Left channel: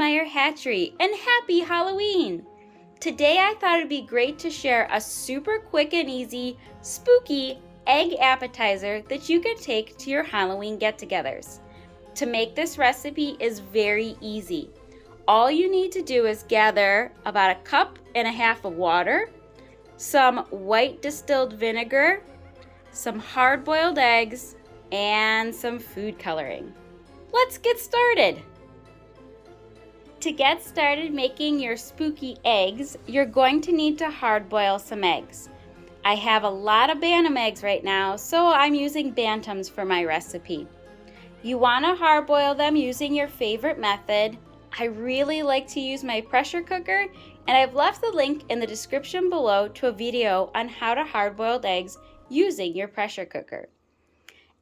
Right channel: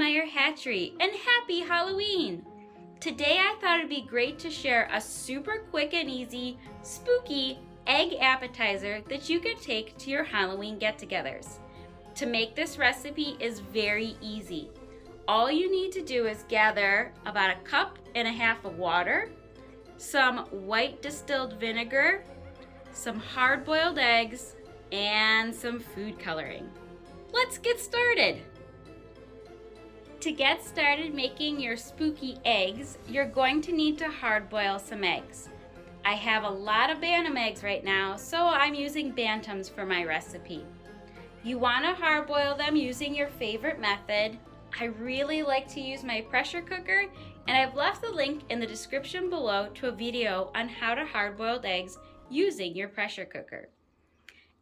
Meyer Hatchery and happy Halloween! Today I thought it'd be great to share a super quick and easy, spooky egg appetizer that you can take to your Halloween get-togethers. To make this recipe is very easy. All you need to do is gather about 1.5 cups of water, some white distilled vinegar, some hard-boiled eggs, and some food coloring. Let's get started. To get started making your spooky eggs, you're going to need to hard-boil some eggs. I have a lot of Bantam eggs right now, so I'm using Bantams for my recipe. You want to hard-boil them using your favorite method. I really like to use my pressure cooker, and I've left the link in the description below to a video on how to hard-boil eggs using your pressure cooker.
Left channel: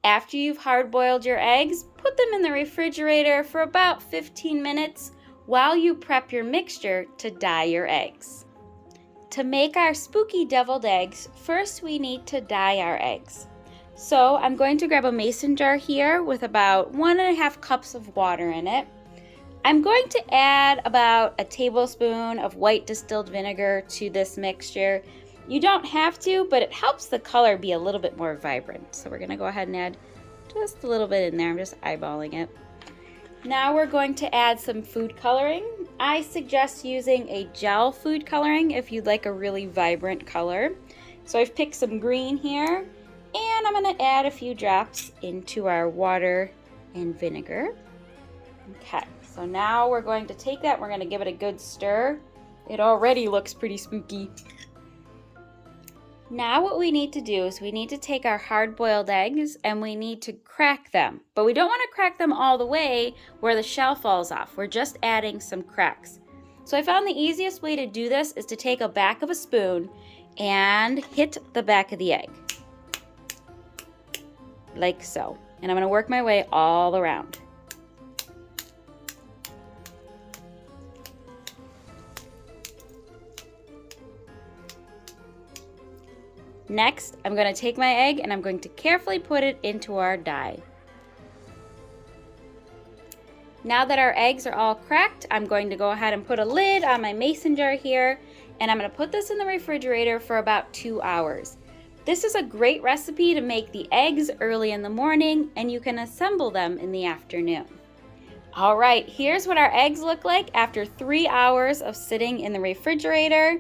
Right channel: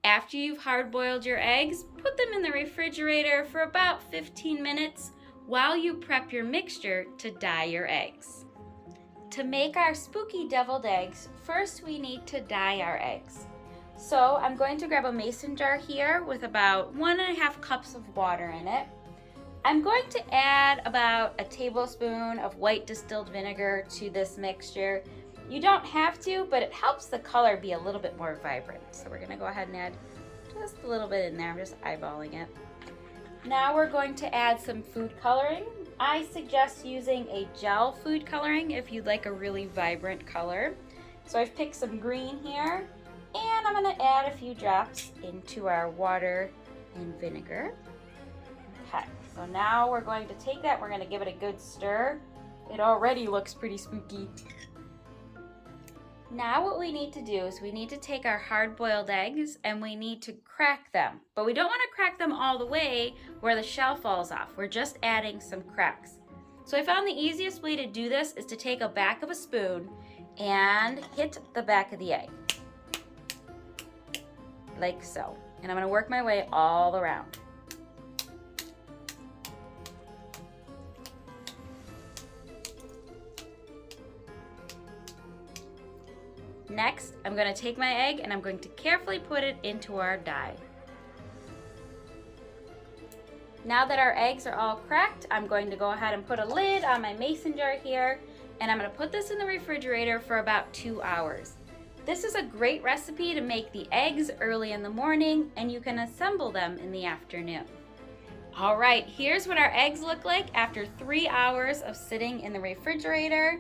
After you've hard-boiled your eggs, put them in the refrigerator for about 15 minutes while you prep your mixture to dye your eggs. To make our spooky deviled eggs, first we need to dye our eggs. So I'm going to grab a mason jar here with about 1.5 cups of water in it. I'm going to add about a tablespoon of white distilled vinegar to this mixture. You don't have to, but it helps the color be a little bit more vibrant. So we're gonna go ahead and add just a little bit in there. I'm just eyeballing it. Now we're going to add some food coloring. I suggest using a gel food coloring if you'd like a really vibrant color. So I've picked some green here, and I'm gonna add a few drops into our water and vinegar. Okay, so now we're going to take that, we're gonna give it a good stir. It already looks pretty spooky. Now what we need to do is we need to take our hard-boiled eggs and we need to crack them. But we don't want to crack them all the way where the shell falls off. We're just adding some cracks. So I found the easiest way to do this is to take a back of a spoon and hit the back of the egg. Like so. And I'm going to work my way all around. Next, I'm going to take my egg and I'm going to carefully put it into our dye. Now that our eggs are all cracked, I'm going to go ahead and put a lid on my mason jar here, and I'm going to put this in the refrigerator for about 2 hours. This is a great recipe to make the eggs early in the morning, and you can assemble them in the afternoon. All right, here's what our eggs look like after 3 hours of sitting in the refrigerator.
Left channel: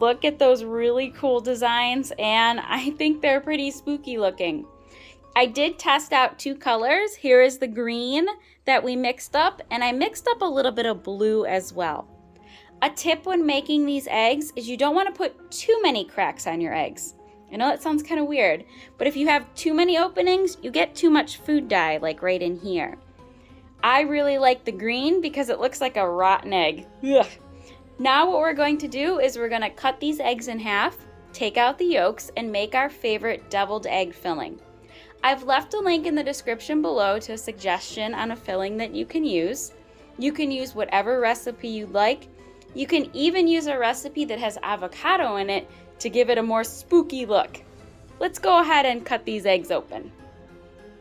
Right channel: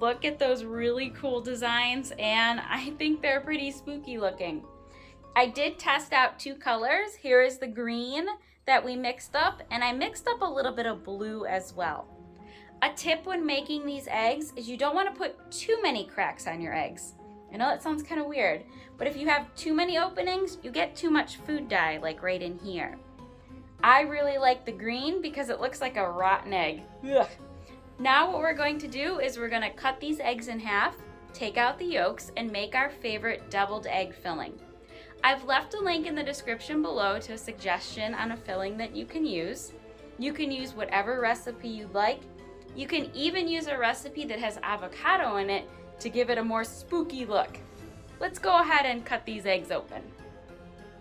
Look at those really cool designs, and I think they're pretty spooky looking. I did test out 2 colors. Here is the green that we mixed up, and I mixed up a little bit of blue as well. A tip when making these eggs is you don't want to put too many cracks on your eggs. I know that sounds kind of weird, but if you have too many openings, you get too much food dye, like right in here. I really like the green because it looks like a rotten egg. Ugh. Now what we're going to do is we're going to cut these eggs in half, take out the yolks, and make our favorite deviled egg filling. I've left a link in the description below to a suggestion on a filling that you can use. You can use whatever recipe you like. You can even use a recipe that has avocado in it to give it a more spooky look. Let's go ahead and cut these eggs open.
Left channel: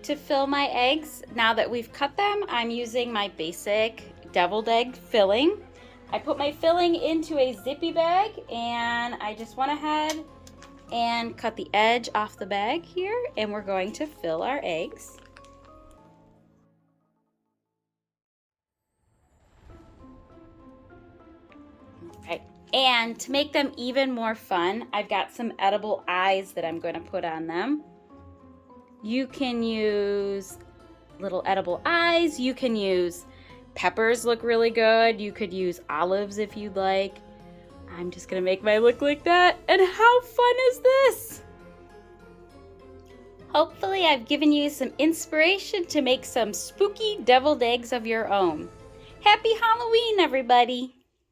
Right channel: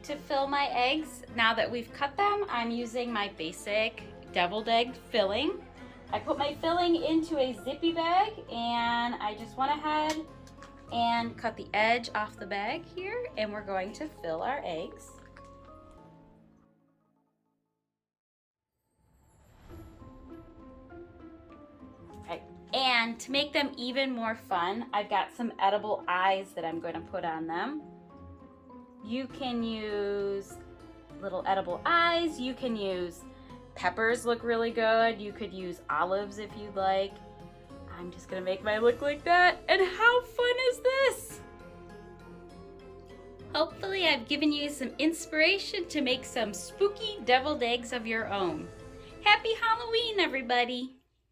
To fill my eggs, now that we've cut them, I'm using my basic deviled egg filling. I put my filling into a zippy bag, and I just went ahead and cut the edge off the bag here, and we're going to fill our eggs. Okay. And to make them even more fun, I've got some edible eyes that I'm going to put on them. You can use little edible eyes, you can use peppers, look really good. You could use olives if you'd like. I'm just gonna make mine look like that. And how fun is this? Hopefully I've given you some inspiration to make some spooky deviled eggs of your own. Happy Halloween, everybody!